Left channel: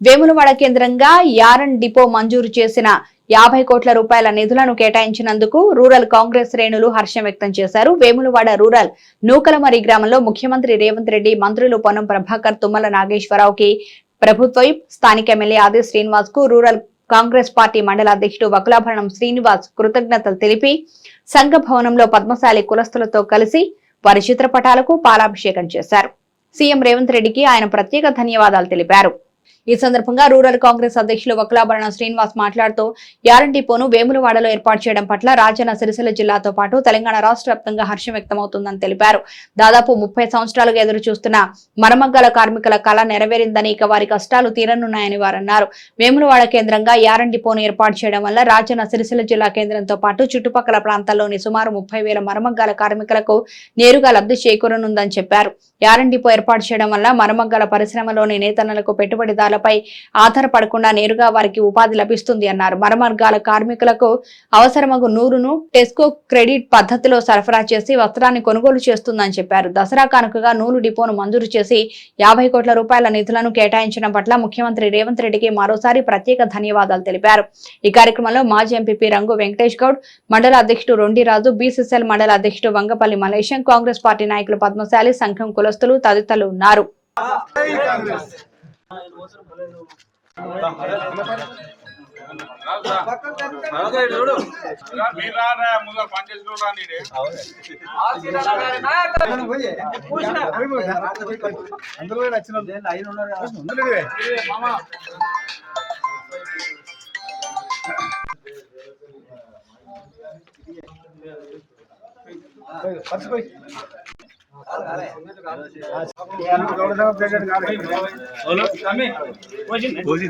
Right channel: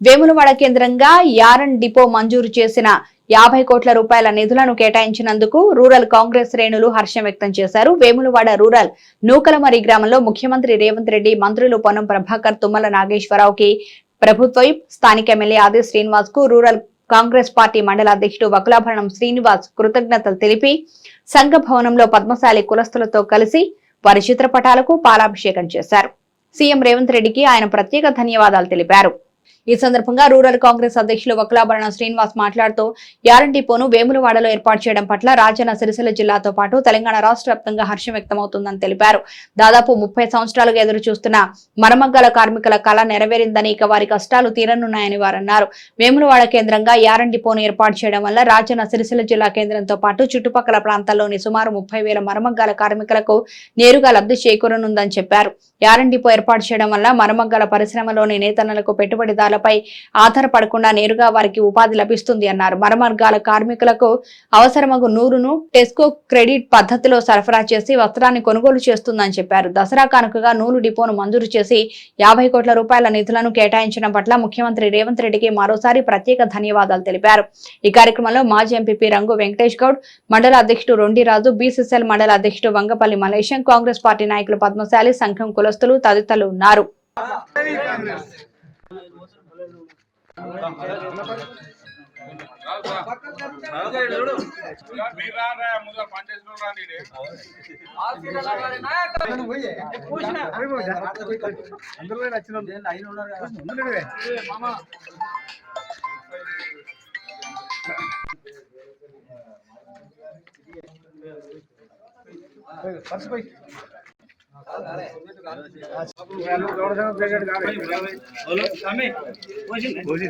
వేములవాడ కేంద్రంగా yarn depot మంజూరు చేసిన యాభై కోట్ల రూపాయల నిధులను కేటాయించినందుకు రూరల్ కాంగ్రెస్ శ్రేణులు హర్షం వ్యక్తం చేశారు. వేములవాడ రూరల్ నూకలమరి గ్రామంలో ముఖ్యమంత్రి రేవంత్ రెడ్డి మంత్రులు పొన్నం ప్రభాకర్ తుమ్మల నాగేశ్వరరావుకి ప్రభుత్వ స్థానిక ఎమ్మెల్యే ఆది శ్రీనివాస్కు రూరల్ కాంగ్రెస్ పార్టీ మండల అధ్యక్షుడు వకులాభరణం శ్రీనివాస్ కృతజ్ఞతలు తెలిపి సంఘ భవనంలో పద్మశాలి కులస్తులతో కలిసి వారి చిత్రపటాలకు పాలాభిషేకం చేశారు. సీఎం రేవంత్ రెడ్డికి ఆయన ప్రత్యేక ధన్యవాదాలు తెలిపారు. ఈ సందర్భంగా రూరల్ కాంగ్రెస్ అధ్యక్షులు వకులాభరణ శ్రీనివాస్ మాట్లాడుతూ యారన్ డిపోను వేములవాడలో ఏర్పాటు చేయడం పట్ల రాజన్న సిరిసిల్ల జిల్లాతో పాటు తెలంగాణ రాష్ట్ర వ్యాప్తంగా హర్షం వ్యక్తమవుతుందని తెలిపారు. దాదాపు ముప్పై సంవత్సరాలుగా ఎదురు చూస్తున్న మరమగ్గల కార్మికుల కళ నెరవేరిందని ఇక వారి కష్టాలు తీరనున్నాయని వారు అన్నారు వేములవాడ కేంద్రంగా యారన్ డిపోను ఏర్పాటు చేయడం వల్ల రాజన్న సిరిసిల్ల జిల్లా కేంద్రంతో పాటు చుట్టుపక్కల ప్రాంతాల్లోని సుమారు ముప్పై వేల మరమగ్గాల కార్మికులకు నేరుగా లబ్ధి చేకూరనుందని చెప్పారు. యారన్ డిపో ఏర్పాటు చేయడం వల్ల మరమగ్గల పరిశ్రమలోని నేతన్నలకు పెట్టుబడిదారులపై ఆధారపడకుండా నేరుగా వారికి ఉపాధి లభిస్తుంది అన్నారు. మరమర్గాల కార్మికులకు అవసరమగు నూరును టెస్కో క్రెడిట్ పద్ధతిలో సరఫరా చేసి వస్త్రాన్ని కొనుగోలు చేస్తుందని చెప్పారు. దసరా కానుకగా నూలు డిపోను మంజూరు చేసి యాభై కోట్ల రూపాయల నిధులను కేటాయించడం పట్ల ముఖ్యమంత్రి రేవంత్ రెడ్డికి మరోసారి ప్రత్యేక ధన్యవాదాలు తెలిపారు. ఈ కార్యక్రమంలో మాజీ ఎంపీపీ రంగు వెంకటేష్ గౌడ్ మండల అధ్యక్షుడు రొండిరాజు బీసీసీఎల్ మండల అధ్యక్షుడు వంగపల్లి మలేశం కాంగ్రెస్ పార్టీ నాయకులు పద్మశాలి సంఘం కులస్తులు తదితరులు ఉన్నారు. మీరారా ముందు పనిచేసిన నేనే అందులో నచ్చిన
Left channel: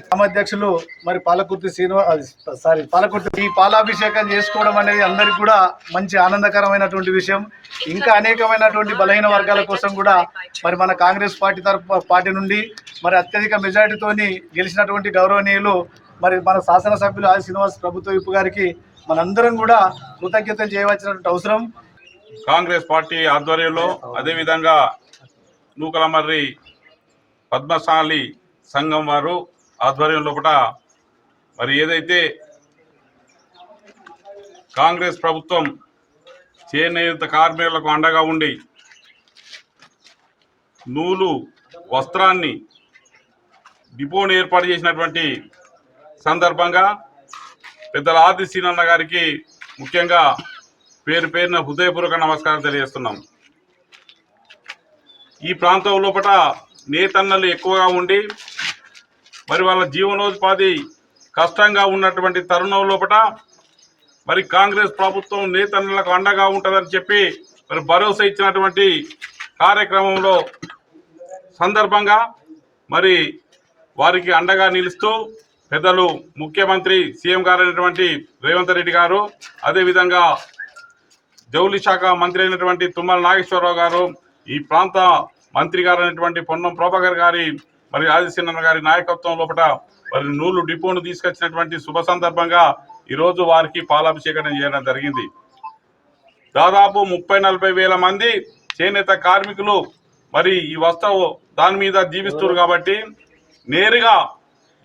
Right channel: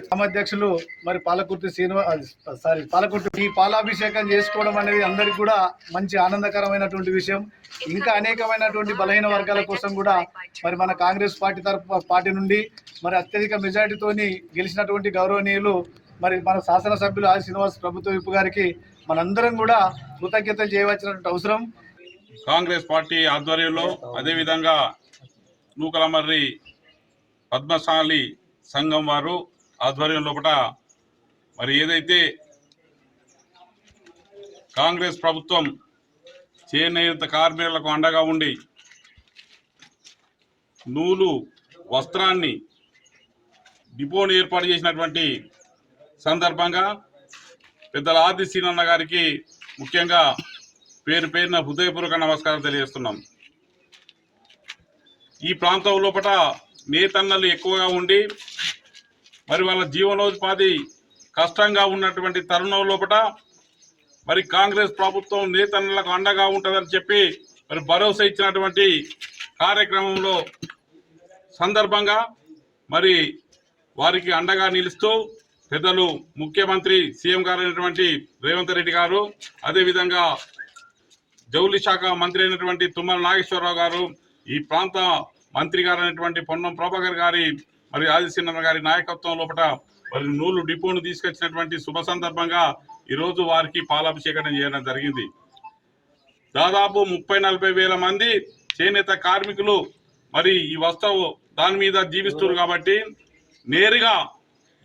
గ్రామాధ్యక్షులు మరి పాలకుర్తి శ్రీనివాస్ సారీ పాలకుర్తి ఈ పాలాభిషేకం చేసుకోవడం అనేది అందరికి కూడా మంచి ఆనందకరమైనటువంటి విషయం. ఇంకా అనేకమైనటువంటి బలహీన వర్గాల కోసం కూడా మరి మన కాంగ్రెస్ పార్టీ తరపు పార్టీ నుండి మరి అత్యధిక మెజారిటీతోని గెలిచినటువంటి గౌరవనీయులు మరి మన శాసనసభ్యులు ఆది శ్రీనివాస్ ప్రభుత్వ విప్పు గారికి మనందరం కూడా కృతజ్ఞతలు చేయవలసినటువంటి అవసరం. కాంగ్రెస్ పార్టీ ఆధ్వర్యంలో అదేవిధంగా నూకలమర్రి పద్మశాలి సంఘం వారు ఆధ్వర్యం లోపల మరి ఏదైతే కాంగ్రెస్ ప్రభుత్వం చేనేత కార్మికులకు అండగా ఉండి నూలు వస్త్రాన్ని డిపోను ఏర్పాటు చేసినటువంటి సందర్భంగా పెద్దల ఆది సీనన్న గారికి ముఖ్యంగా పేరు పేరున హృదయపూర్వక నమస్కారం తెలియజేస్తున్నాం. ఈ ప్రాంతం లోపల నేతన్నలు ఎక్కువగా ఉండి మరి వాళ్ళ జీవనోపాధి కష్టంగా ఉన్నటువంటి తరుణం లోపల మరి కాంగ్రెస్ ప్రభుత్వం నేతన్నలకు అండగా ఉంటుందని చెప్పి మరి భరోసా ఇచ్చినటువంటి కార్యక్రమంలో సందర్భంగా మరి వారికి అండగా నిలుస్తూ పెద్దలు ముఖ్యమంత్రి సీఎం గారు అయినటువంటి రేవంత్ రెడ్డి గారు అదేవిధంగా జౌలి శాఖ మంత్రి అయినటువంటి తుమ్మల నాగేశ్వరరావు గారు ఈ ప్రాంత మంత్రి గారు అయినటువంటి పొన్నం ప్రభాకర్ గారి మరి ఆదిశీనన్న గారి నాయకత్వం లోపల మరి నూలు డిపోను తీసుకొచ్చినటువంటి శుభ సందర్భంగా ఈరోజు వారికి పాలాభిషేకం చేయడం జరిగింది. దాదాపు ముప్పై నలభై వేల మంది చేనేత కార్మికులు మరి ఈ వస్తువు దాని మీద జీవిస్తున్నారు కాబట్టి నేరుగా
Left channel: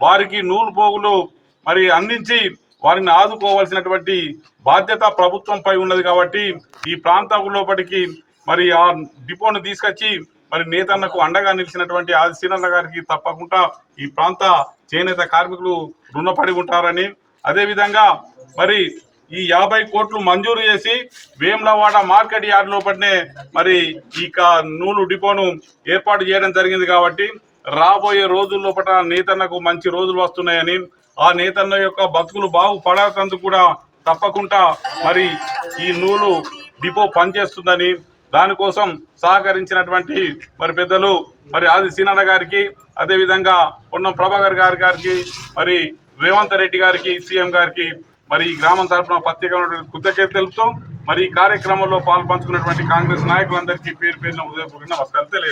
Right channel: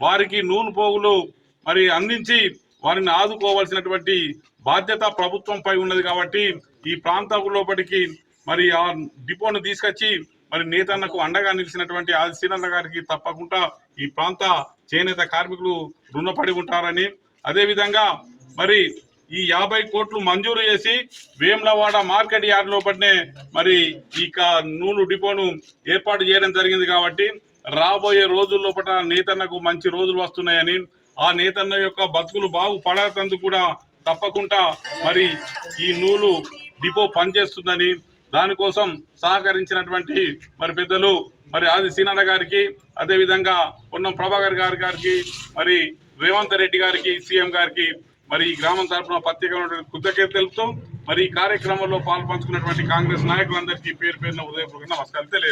వారికి నూలు పోగులు మరి అందించి వారిని ఆదుకోవాల్సినటువంటి బాధ్యత ప్రభుత్వంపై ఉన్నది కాబట్టి ఈ ప్రాంతం లోపలికి మరి ఆ డిపోను తీసుకొచ్చి మరి నేతన్నకు అండగా నిలిచినటువంటి ఆది సీనన్న గారికి తప్పకుండా ఈ ప్రాంత చేనేత కార్మికులు రుణపడి ఉంటారని అదేవిధంగా మరి ఈ యాభై కోట్లు మంజూరు చేసి వేములవాడ మార్కెట్ యార్డ్ లోపలనే మరి ఈ నూలు డిపోను ఏర్పాటు చేయడం జరిగింది కాబట్టి రాబోయే రోజుల్లోపట నేతన్నకు మంచి రోజులు వస్తున్నాయని ఆ నేతన్న యొక్క బతుకులు బాగుపడతందుకు కూడా తప్పకుండా మరి ఈ నూలు డిపో పనిచేస్తుందని దానికోసం సహకరించినటువంటి మరి పెద్దలు మరి ఆది సీనన్న గారికి అదేవిధంగా పొన్నం ప్రభాకర్ గారి గారికి మరి రేవంత్ రెడ్డి గారికి సీఎం గారికి మరి ఈ గ్రామం తరఫున ప్రత్యేకమైన కృతజ్ఞత తెలుపుతూ మరి ఈ కార్యక్రమంలో పాల్పంచుకున్నటువంటి కాంగ్రెస్ నాయకులందరికీ పేరు పేరున ఉదయపూర్వక నమస్కారం తెలియదు